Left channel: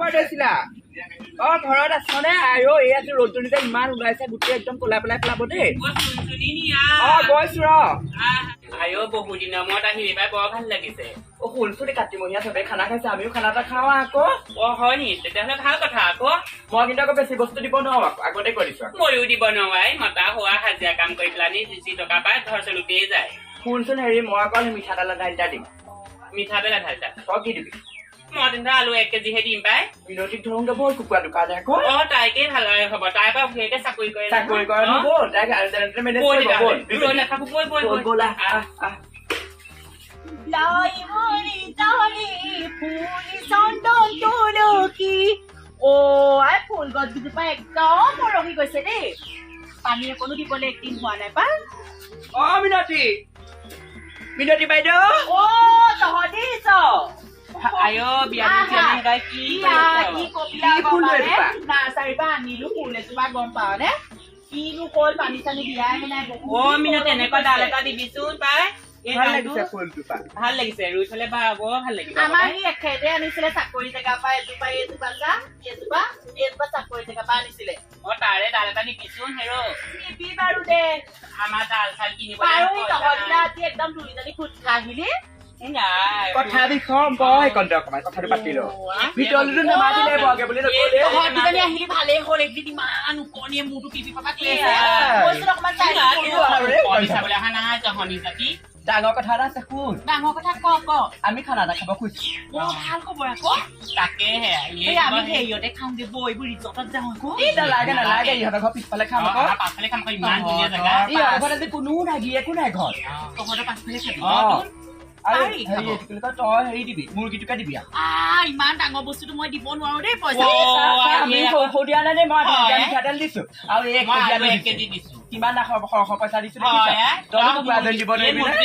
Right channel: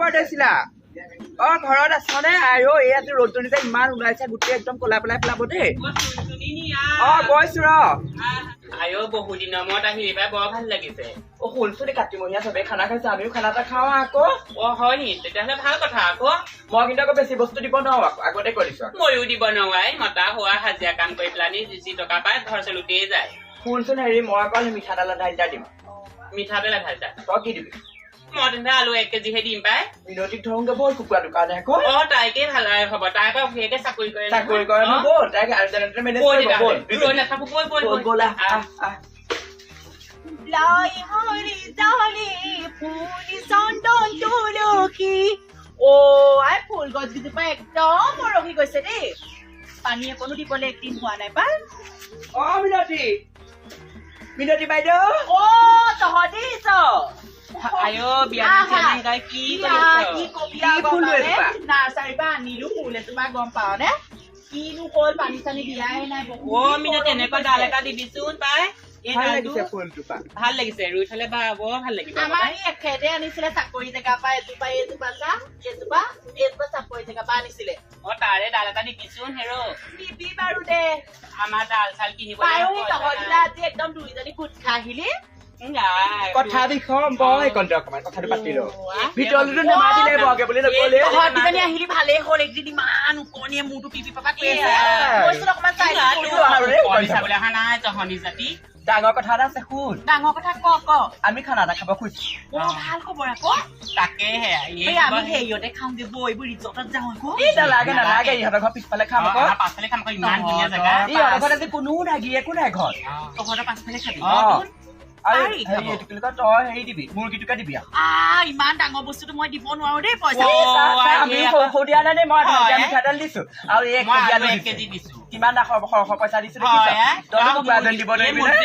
পাইছিলা ঘৰত আছ নে আইও এই আজি ৰ'দটো যে ইমান ওলাইছে গোটেই একদম ক'লা পেলাই পেলাব দেই গৈছো ৰ আইও বহু দিনৰ মূৰত আহি এইবাৰ বৰ ভাল লাগিছে শুনছোন কাতিমহীয়া চবে খানা খাইছে আমিও খানা এটা খাওঁ আকৌ হয় নি তেতিয়াহ'লে ভাল কথা আকৌ মই কিন্তু আকৌ বেছি বস্তু দিব নোৱাৰো আকৌ আগতে কৈ দিছো ময়ো দিব নোৱাৰাই মতা হোৱা হাজিৰা কাম কৰি পেলানি যি টকা পাই ঘৰ চলোতেই যায় শুনচোন হেৰি মই অকল মিঠাতেল আধা লিটাৰ দিম মিঠাতেল আধা লিটাৰ তই কি দিবি মই তেন্তে আলু 1 কেজিহে দিম পাই মিনতিক ধৰোগে বল কুকুৰা দোকান আকৌ তাইকে ভাল হ'ব তাই পৰা ভুয়েকে চাকৰি কৰে বল তাইক আল্টাৰনেটিভ মেনেজ কৰিব বল ৰৈ নাথাকো বল ব'লা লাই হৰি জানি ফুলি চন্দন তুলসী আই ফুল গছ গিজোপা একদম মৰহি গৈছে দেই পানী অকণো দিবলৈ একদিন হোৱা নাই পাই মিনতি বাইদেউ তহঁতি দিছ আইও বিয়া কি নাৰ্চাৰীৰ পৰা আনিলো ফুল এজোপা গম পাৱ নে কিনো কল পানী চানী দিয়াই নাই মিনত এনেকুৱা ডাল এটা দিবিচোন পাই ভাল লাগিছে ৰুই থলে বৰ ভাল লাগিব আমাৰ ই এখেতে আনিছিলে চাকৰি জেগা পৰা এজোপা চাকৰি জেগা পৰা আনিছিলে তাৰে ডাল এটা দিবিচোন হেৰ দিবি বাৰু দে আমাৰ ডাল চাল কিনিব আজি একদম দুইজনী গোট খাই আহিলি কথা দিখম বয় কণ্টে অকমান কথাটো পাতি ল ভিতৰলৈ নামাতিলে বগে বুলি নকলে দুজনী আহিলি ভালেই হ'ল একদিন ইমান উকনিয়ে মূৰটো পিপি পাপা কি আছে কৈছিল অকমান চাবলৈ অহা নাই জহনী জাতি ডাঙৰ কথা এটা আছে শুন ডাঙৰ কথা ক আমি খানা এটা খাব খুজিছো ভাল খবৰ আকৌ তাকেহে আমি হেৰিয়তে খাওঁগে বৈ এইবোৰ ৰিজৰ্টত যাওঁ আকৌ নালাগে ইহঁতৰ ঘৰ পিছফালে খাম আকৌ পাছফালে খাম ইমান ধুনীয়া জেগা ইহঁতৰ ঘৰত আজি কোনো নাগি একো নাই ঘৰ তহঁতৰ পাছফালে খাবি তই হেৰি দিবি মুৰ্গীটোকে দিবি ইমান ডাঙৰ বস্তুটো মই দিব নোৱাৰো দেই পইচা দিয়া নাই দেই মই মিঠাতেল দিছো আৰু 1 কেজি দিছো কিমান সৰহ পইচা দিছো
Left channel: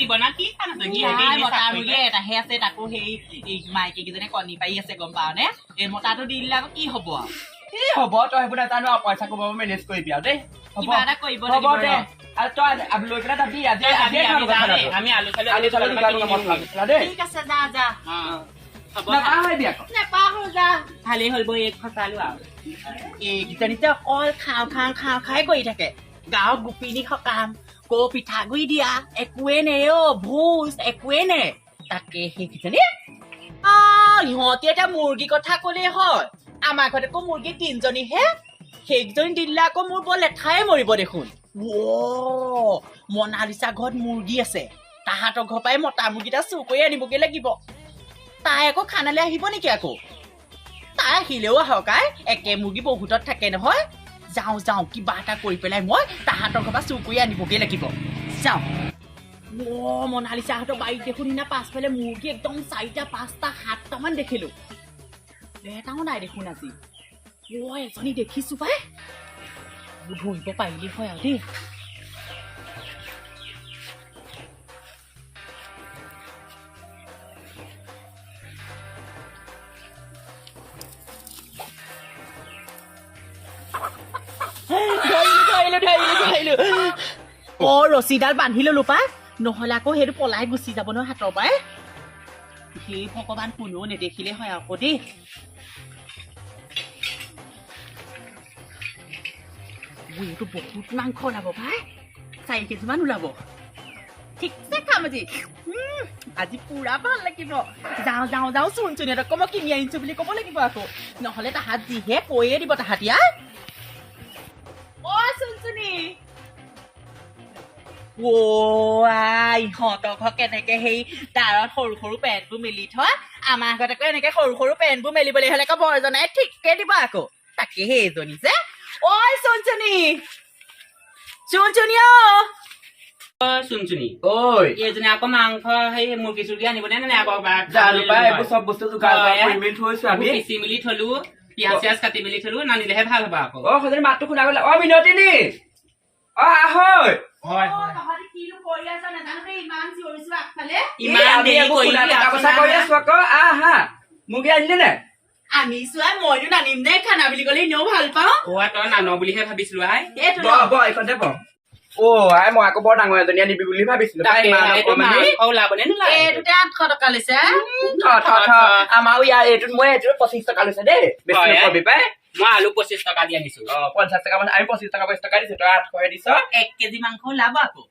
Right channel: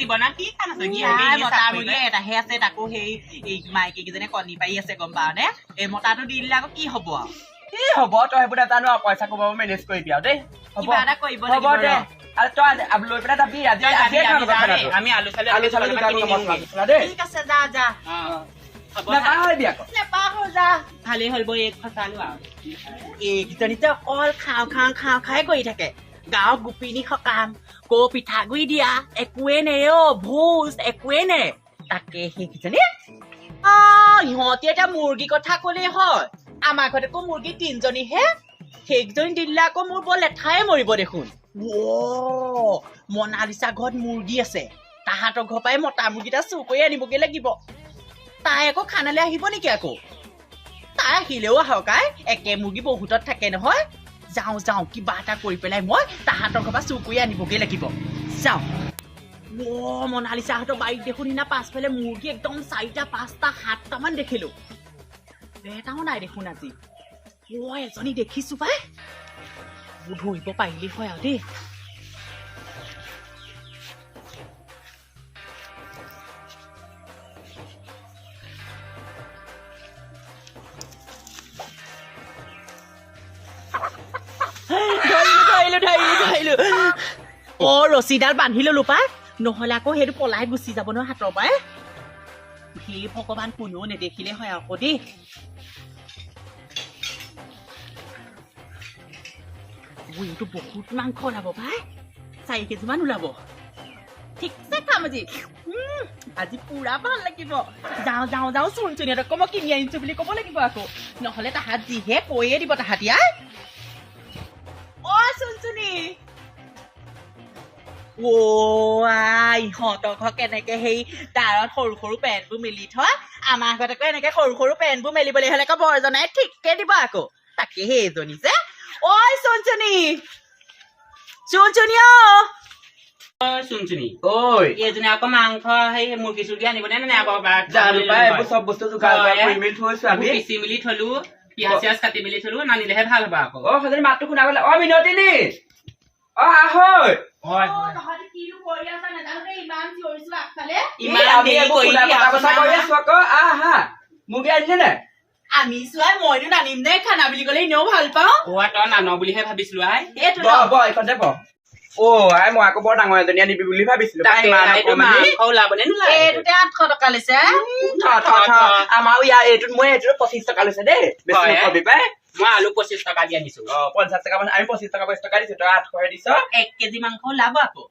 দিব না কি মতা মুৰ্গী এটাহে আছে তাকো সেই মাইকী কেইজনে কণী পাৰি আছে গম পাৱ নে এই মতাটো দি দিলে আকৌ কি হব আৰু কি হব তই সেইবোৰ নাজানো আৰু পইচা কব মেনেজ কৰিবি আৰু দেই কিবা এটা কৰিব হ'ব দে আৰু তই লৈ পেলাই যাবি আমি আলু ঠিক আছে যা নাপাহৰিবি আকৌ নেপাহৰো যা ভালেই হ'ল বৈ এক ফচালো আৰু এইকেইজনীতে অকল খাই কৰি থাকে গাঁৱৰ গোপিনী সকাম পিঠাগুৰি দিয়া একোৱে নে ভোজ একোৱে নে তাকে সেইকেইজনী ইহঁতি এটা মুৰ্গী কথা কলেই হয় আমাৰ ঘৰত আকৌ মুৰ্গী 3জনীহে সেইকেইজনী দিলে আকৌ মোৰ বৰ লেঠাই মৰিব দেখোন মনালিছা ঘৰত মুৰ্গী আছে তাহাঁতৰ ঘৰ পৰাই মতা মুৰ্গীটা চুৰ কৰি আনিবগে লাগিব তাই আকৌ খানালে আহিব নেকি আকৌ তাই আহিলেও আহক একে মুৰ্গী বহুতত থাকে নহয় যাওঁ কিবা এটা কৰি পেলাই মই তাহাঁতৰ ঘৰ পৰা চুৰ কৰি আনিবগে লাগিব যাওঁ মনালিছাহঁতৰ বাৰীত দেখোন সিদিনা পাছফালে মুৰ্গী একদম 4টা 5টা 7টামান দেখিলো এটাও নাই দেখোন আজি এজনী দেখিছো পাই ধৰিব পাৰিলি হয় আৰু দেই ধৰিলো ৰছীডাল বান্ধি ললো পাই নহলে আকৌ সেইটো পলাই গুচি যাব নহয় হাতৰ পৰাই সেই ভগৱান কোনেও নেদেখিলে হয় আকৌ দেই এইটো বহুত মাংস ওলাব পাই 4 কেজিমান ওলাব ঠিকছে খাম আজি পুৰা ভাল লাগিব যাওঁ চুনচুনিহঁতক মই কিনি আনিছো বুলি ক'ব লাগিব আকৌ নহলে তাহাঁত যিহে কৈয়ে দিব তাহাঁতিয়া চুনচুনি ইহঁতৰ ঘৰ কেনেকে সেই তাৰত সৰু সৰু পেণ্টবোৰ মেলি থয় আমাৰ ঘৰত আকৌ এনেকে সৰু সৰু পেণ্টবোৰ মেলিবলৈ হলে আকৌ বৰজনাই ঠিককে দিব আকৌ তাকে সেইজনী যে চুনচুনি এইজনী আকৌ মাংস সেই মুৰ্গী চুৰ্গী আনিব নে আকৌ চব বস্তু পিচি মেলি থলো পিয়াজ চিয়াজ কাটি মেলি থলো নানিলেহে ভাল হব আকৌ মাতটো শুনা গলে মিনতিনী আহৈ মুৰ্গী আনিলি নে আনিছো মইনো নানিম নে খানা বুলি কলে এনেও ভাল পাওঁ তই নান বুলিহে ভাবিছিলো আই মই আকৌ বৰ ডাঙৰ এজনী আনিবি বুলি ভাবিছিলো পাই ইমান অকমানি ওলাবনে নোলায় এইটোতে 800 টকা লৈছে আমাৰো ইয়াৰ এইটোত মই এইটোত 25 টকা লৈছে দেই বেছি নকবি পাই মই আলু 25 টকা দি আনিছো 50 টকা আমি 25 টকা 20 টকা দিছো তই 800 দিছ 1 কেজি মাংস ওলাব আকৌ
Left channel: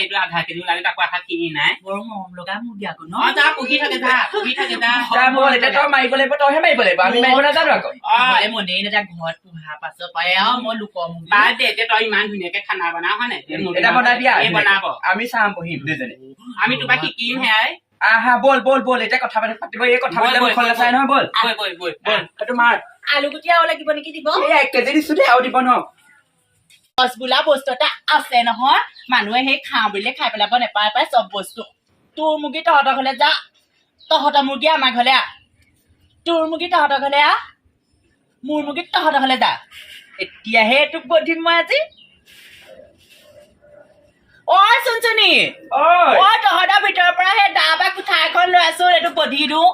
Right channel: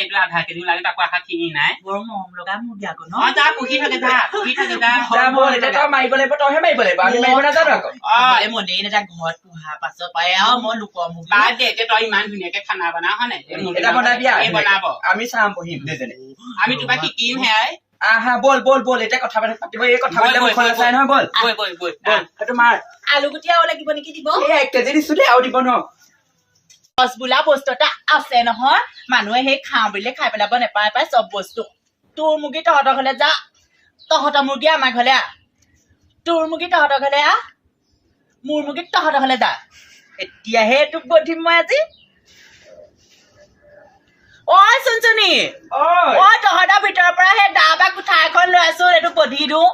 এইটো আধা কেজি ওলালে তাকো আশা খিনি নাই বৰ মৰম লগা মুৰ্গী আকৌ ন যা পুহি থাকে যা বল এতিয়া তই মাৰিব লাগিব তইহে মাৰিব লাগিব আমি মাৰিব নাজানো আকৌ মনেই নাযায় ঘৰত পোহা পাছত পাই আৰু মই লোকৰ মুৰ্গী বাদ দে এতিয়া তই ইমান ধুনীয়াকে খানা বনাও হয় নাই এটা বনাবি বনাব আমি চাম বহিম দুজনে আমি তোমাক শিকিম হেয়াই আহা বল এতিয়া কথা পাতিব এই কথা পাতিলে মুখখন নাচাই নহয় বল সেইটো মাৰ আলু গুটি আৰু লাগিব নেকি দিব এই 1 কেজি দিছো দেই আৰু দিব ন গছ বোলা বস্তু এটা আছে নহয় মানুহে সেই খাওঁ বুলিলে খাই পেলাব নেপায় পাই চব বস্তু তোৰ মুৰ্গী তহঁতৰ ঘৰলে যা তহঁতৰ মুৰ্গী আমাৰ ঘৰলে আহ তোৰ মুৰ্গী তহঁতৰ ঘৰলে আহ মোৰ মুৰ্গী তহঁতৰ ঘৰলে যা এতিয়াহে তোক বধিম মই আজি চুনচুনি তহঁতৰ ভিতৰৰ পৰা সেই দা বা কোঠা এখন লৈ আছো এইটো বধি দিওঁ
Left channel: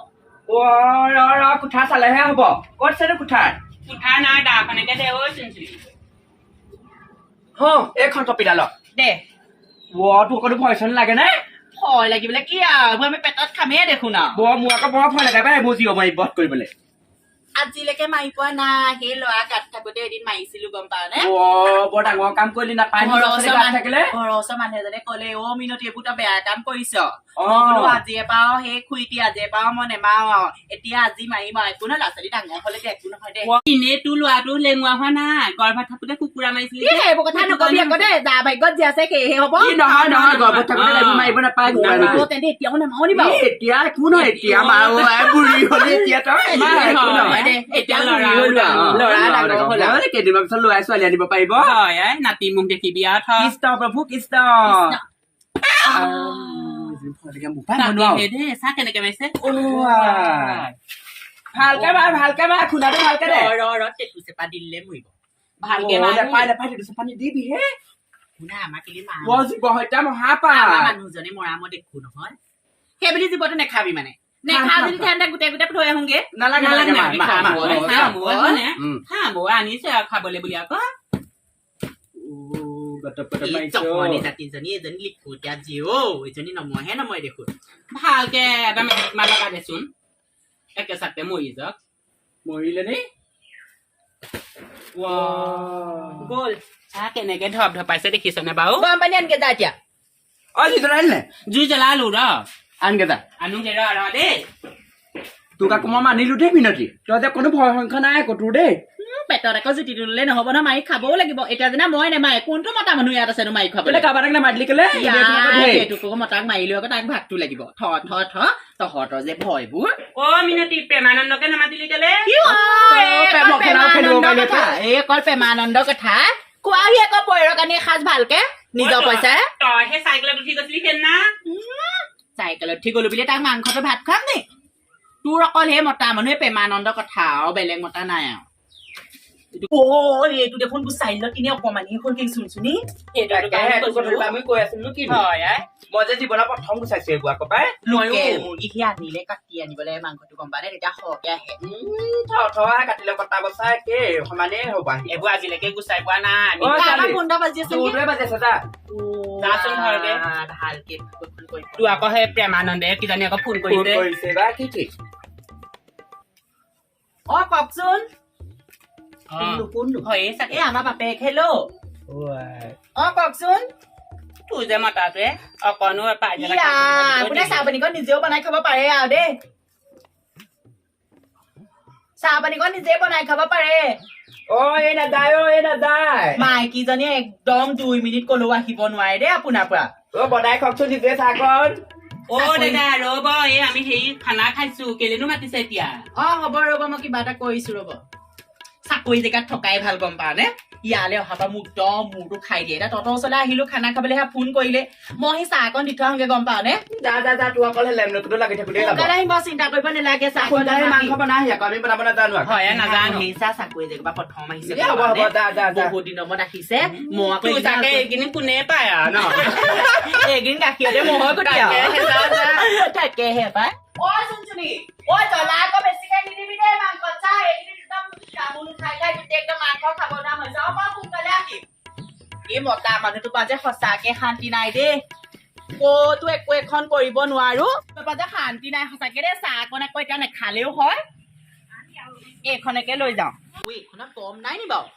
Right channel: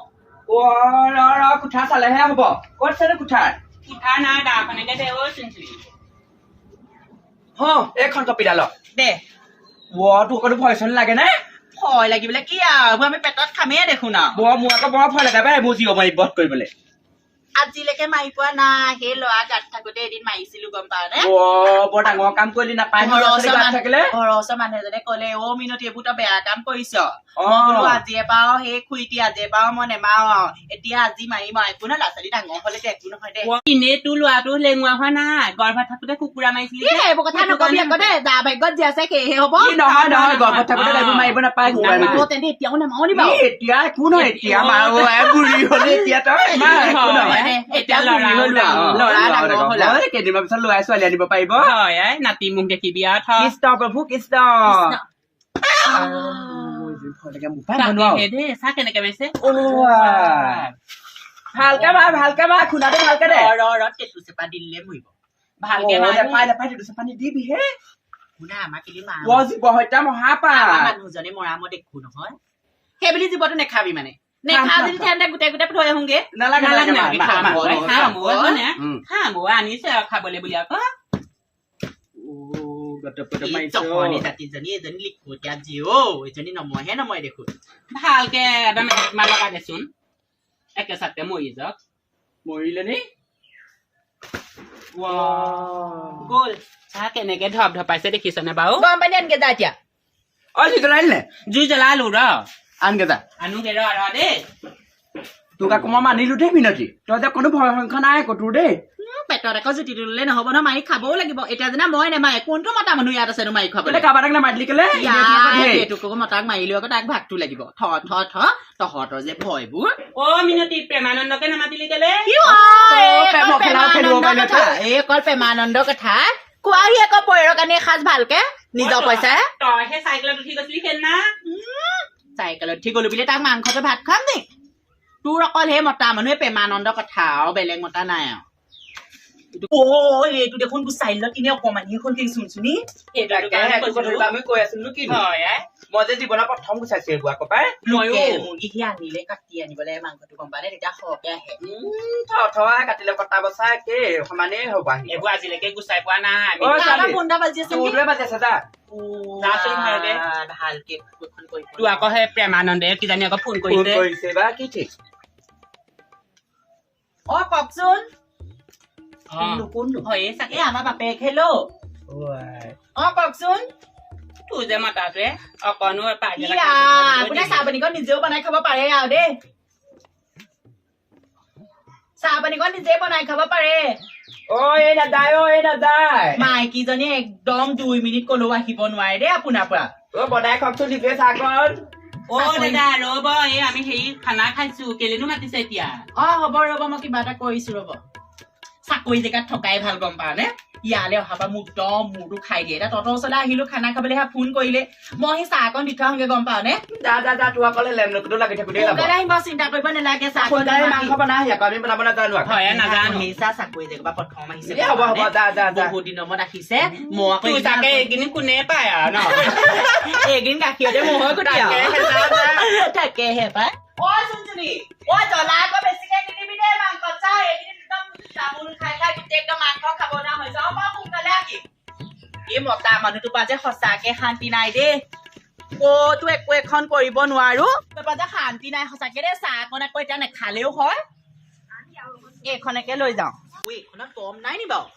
কোঠা চালেহে হব ক'ত আছে কোঠা নাই দাখনকে দে চুনচুনি এইখন কপিডাল দে তোৰ অকণো ভয় চন লাগে নাই ভয় লাগিবলৈ কি আৰু আমি পেটত খামেই দেখোন আৰু মোৰ আকৌ বৰ ভয় লাগে পাই মোৰ জিঅ' মাৰি বধ কৰিবলৈ আজিলৈকে মাৰি পোৱা নাই সেই ল'ৰা গাত থাকোতে এদিন মাৰিছিলো গম পাৱ নে বৰ ডাঙৰ কাম কৰিলি নাপায় থাকিলে ঘৰৰ ওচৰৰ মানুহ এজনে কলে মিনতি এইবোৰ তই বেয়া কাম কৰিছ আজিয়ে পাও সেই খুইটি আজিয়ে পাও মই নেমাও আৰু এতিয়া আজি মাৰিম আৰু একো নহয় ল'ৰা ছোৱালী ডাঙৰ হলে একো নহয় দে এনেই তোৰ ল'ৰাটো লেঙুৱা হোৱা নাই গৰ্ভত থাকোতে কুকুৰা মাৰিছিলি সেইবোৰ কথা নকবি আকৌ দেই যা ভাগ্যত যি আছে সেয়েহে হব নহয় গৰ্ভত থাকোতে এইবোৰ মাৰিব নাপায় তেন্তে এতিয়াও নেমাও নি বাৰু এতিয়া একো নহয় এতিয়া বুঢ়ী হলে এতিয়া তই ল'ৰা ডাঙৰ হ'ল কেইদিনমান পিছত ল'ৰা ছোৱালী আনিব পাৰিব নাতি মোক দেখিবি কৃষ্ণ প্ৰভু কৃষ্ণ চাহ কেনেকে মাৰিছে ভালকে মাৰ খুন্দাটো ভালকে দে টেটু চেপা দিলে মৰিব ভালকে নাপাই পানী দিবি হে শুনা আমাক কেলি মাৰ জীৱ হত্যা মহাপাপ মানুহজনে মৰা মই দেখো নহয় সেই বুলি জীৱটো নেখাবি মানে নেখা যদি ঠাণ্ডা গোটেই থৈ আহোগে নালাগে আনিছে খাবলৈ বুলি আকৌ এজনী লিখোতিয়া জীৱ এজনী নময়ে দেখোন ভালকে লগাই দেচোন একে চাতে মৰি যাওক মৰিলে নি গ'ল চাহ কেনেকে ধপ ধপাইছে দেখিছেনে বাৰু গৰম পানী আনকে যা এতিয়া জুই জ্বলালো ৰ আনকে যা আনোগে ৰ দেই তোক আকৌ মই মানিলো দেই মিনতি তই যে কোনো ভয় সংখ্যা নাই আকৌ তোৰ দেই পেটত আকৌ জুতি তুলিলে নহব নহয় মাৰি খাবও লাগিব এতিয়া যেনে মই নেমাৰে কোনটো মতা মানুহ ইয়াত আছে মাৰি খাবলৈ কাৰোবাক নামাৰিলি কেলে এইটোকো মতাক মাৰিলেও আকৌ তাক ভাগটো লাগিব তহঁতৰ যে ভয়বোৰ মিনতি প্ৰেমানন্দকে নামাতিলি কেলে এই অকল প্ৰেমানন্দ কথা কোৱাহি আকৌ পইৰৰ কাৰণে এসাঁজ ভালকে নিজৰ পইচা তই সেই চাইকেলত উঠি গৈছিলি সেইদিনা চাইকেলত উঠি গলো বুলি তাক মাংসটো ভাত খাম নি তোৰ অকল সেই মতা মানুহে প্ৰেমানন্দ কথা আৰু বেলেগ মতা নাই আৰু এইটো দেখোন চাইলত কিনে অকমানি এখন চুনচুনি আমি কৈ আছিলো কি মই যে জীৱনৰ প্ৰথম গুচাইছো এইবোৰ আকৌ পাই মুৰ্গী সি আনিলে কাটি আনিবলৈ মাংসটো গম পালে তেতিয়া সৰহকে আহে কাটিলে কটা বচা একে সমানেই হব এইবোৰ আজিলৈকে গুচাই পোৱা নাই ফোনটা বাজি আছে যাচোন ভালকে তোৰ আকৌ সেই প্ৰেমানন্দে কিজানি আকৌ ফোন কৰিছে বা কি ঠিক কওকচোন আমাৰ বাপেক হেল্ল' কওকচোন তোৰ যে মাতাটোৱে অকণো আপোনাৰ চাহ পানীকণ নিজেও বনাই খাব পাৰে আৰু দেই চাহ পানীকণ নিজে বনাই খাব পাৰে মাইকীজনী একদম 2 মিনিট কলেও আহিব নোৱাৰে দেই আপোনাৰ পৰা বনাই খাওকচোন নিজে চাহকণ দাদা ৰব আমি হেৰি খানা খাইছো কেলেনো মাতিছে এতিয়া হ'ব ৰ'ব মই কিবা এটা কৰিছো ৰ'ব চাকৰি জেগাত থকাই ভাল গম পা নে ইয়ালে অহা পৰা মোক একদম মূৰটো খাই দিয়ে এতিয়া তহঁতৰ ওচৰলৈ আহিলো খানা খাবলৈ ফোন কৰিলে মই সেই চাহ অকণ দি থৈ আহোগে গম পাৱ নে যা তোৰ অকল লেমনটো লাগি থাকোতে আহিব চিন্তা কৰিব নালাগে মাংস বনাই আমি বনাব নাজানো সেই চাকৰি জেগা প্ৰথম আহিছে বহুত দিনৰ মূৰত আহিছে মই আকৌ এইখিনি কোনে পায় আৰু এইকেইদিন গাখীৰতে মহৰ গুটি তাকেহে পাই জ্বলা আকৌ বেছিকে নিদিবি দেই মাংস চা এইকেইদিন একদম তামোল খাই গোটেই একদম মাংস খাব না হৈ যাওঁ সোনকালে আহিম এই মতা মানুহটোৰ পৰা যে সঁচাকে শান্তি নাই দেই ক'তো একো এখন কৰিব নোৱাৰো তোৰ পৰা যে শান্তি নাই সঁচাকে দেই চাহ অকণ আকৌ এতিয়া নেখালেও হয় এইখনকে লৈ যাওঁ এইখনত কম নাই নি বাৰু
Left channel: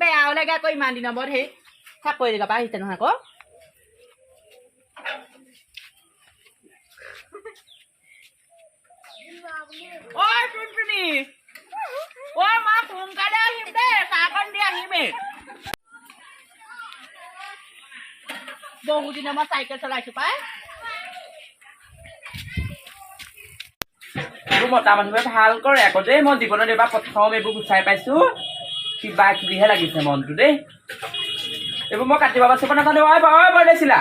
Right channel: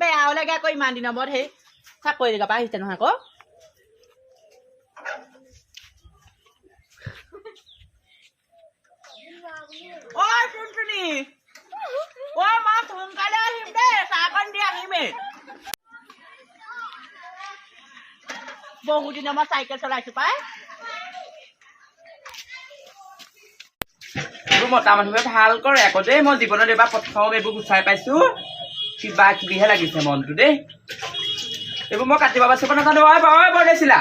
বেয়াও লাগে আকৌ ইমান দিনৰ মূৰত সেই চাকৰি জেগাৰ পৰা আহিছে নহয় আকৌ ঐ টুনটুনি ঐ মা সোনকালে আহিম দেই চাহকণ দি আহিমেই বহুত দিনৰ মই চাইকেল চলাইছো পাই এইবোৰ মতা মানুহে ভাল কৰে আকৌ দেই মই জীৱনত এবাৰ প্ৰথম এইবোৰ গুচাই পাইছো কিবা কিবিহে লাগিছে মনটো দেই এইবোৰ মই কাটিব বাচিব নাজানো বৰদেছিলা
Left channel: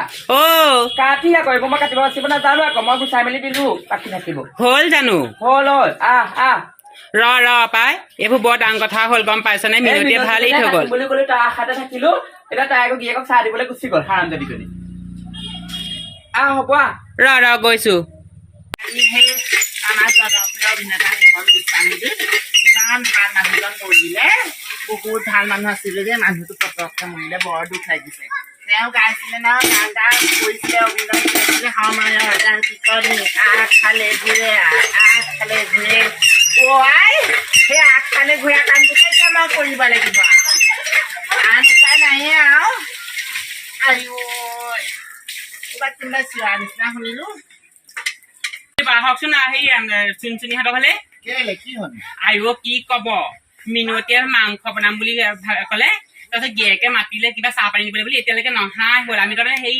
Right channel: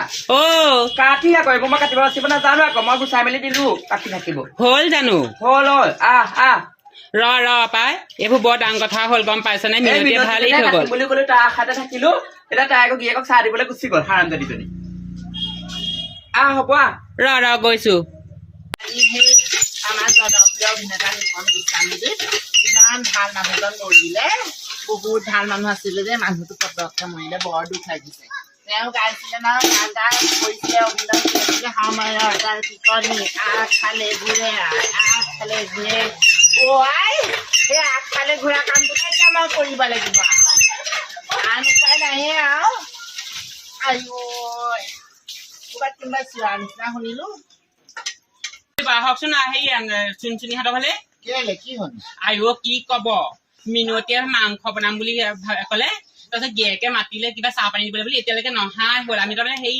কাটি আকৌ এইবোৰ মই কাটিব বাচিব নাজানো আকৌ মই গুচাই মেলি দিলো কাটি থাকিব হ'ল জানো হ'ল আহ ৰ পাই এইবোৰ বৰ ডাঙৰ কথা হ'ল গম পাইছ নে মিনতিয়ে ভাল হৈ গ'ল বুলি ক'লে তাৰ আশাতে থাকিলো এতিয়া তাই আকৌ গিয়েকক চাহ দিবলৈ গুচি গ'ল হাৰামজাদীজনী হ'ব ৰ গৈছো আমাৰ জনপ্ৰিয় অভিনেতা নিকন গোস্বামী ইমান ভাল মানুহজন মৰিলে বহুত ভাল মানুহ আছিলে যে মানুহটো পতককে মৰিলে বৰ দুখ লাগিছে তেওঁ গাইছিলে ন গান গান কৰিছিলে অভিনয় কৰিছিলে সময়ৰ তাৰ টিকনি আগফালে ঘূৰে আগফালে ঘূৰে আই সেই আগফালে ঘূৰা কামটোকে এতিয়া মই কৰিব লাগিব আন উপায় নাহে আৰু আইঅ ক'ৰবাত কোনোবা চিঞৰা নিচিনা শুনিলো বাহকচোন আহি চুনচুনিহঁতৰ ফালে কেলে কি হ'ল আইঅ কি কব মিনতিয়ে মাংস বনাম বুলি ক'লে তাৰপিছত গিয়েকে মাতিলে কিবা চাহ পানী দিবলৈ বুলি এতিয়ালৈকে নহাই হ'ল আমি তাৰমানে সেই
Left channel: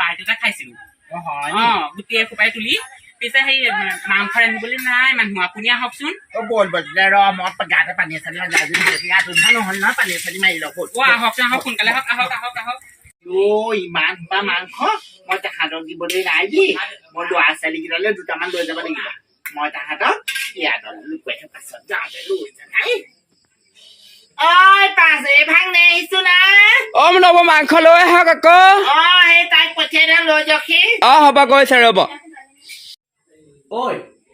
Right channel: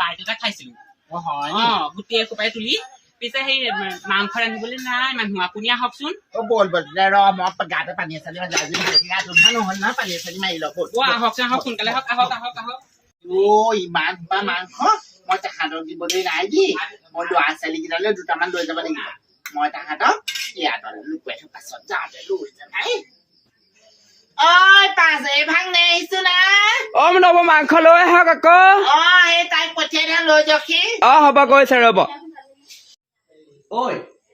পাৰ্টি এটা খাইছিলো গোটেই সোপাই তুলি পিছে সেই মাংস ৰান্ধিবলৈ নাই মানুহ আপুনি আহকচোন বল ৰ মই গাতে পানী চালি গাত উঠা নহ'ল নহয় পানী চালি মাৰি লওক আহকচোন আহক সোনকালে আহক ইমান সোপা মাংস মই তাহাঁতক দিবলৈ নাই দি মই ল'ৰা ছোৱালীকেইটালৈ দুটামান লৈ যাব লাগিব মই তাহাঁতক ইয়াত লুকুৱাই থৈ পাছত যাওঁতে লৈ যাই ঐ পাঁচে ভাঙনে আহিছো না নব মাংস লৈ আহক আকৌ সেই তাইক পঠিয়াই দিম লৈ যাওকহি হ'ব গৈছে ৰ'ব ঐ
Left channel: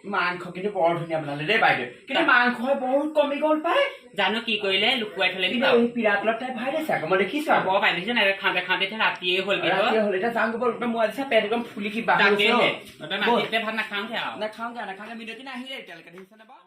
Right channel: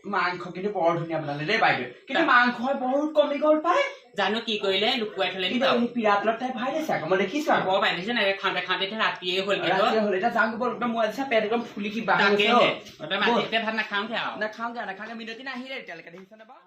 মাংস কিন্তু বৰ ধুনীয়া বনালে দেই বাইদেউ কিন্তু মাংস বহুত কমি গ'ল পাই জানো কি কৰিলে লুকুৱাই থলে পিৰাতলত তাই ভাই দেছে আকৌ মই দেখিছো আকৌ পাই দেখিছে নাই খাওঁতে ৰাতিয়ে হ'ল এতিয়া যাওঁ গ'ল মই আজি পেট একদম ফুলি কিবা মাটিতে ভাত নাখাওঁগে আৰু নাখাওঁগে মিনতি নাহিলে এতিয়ালৈকে দেখিছে নে বাৰু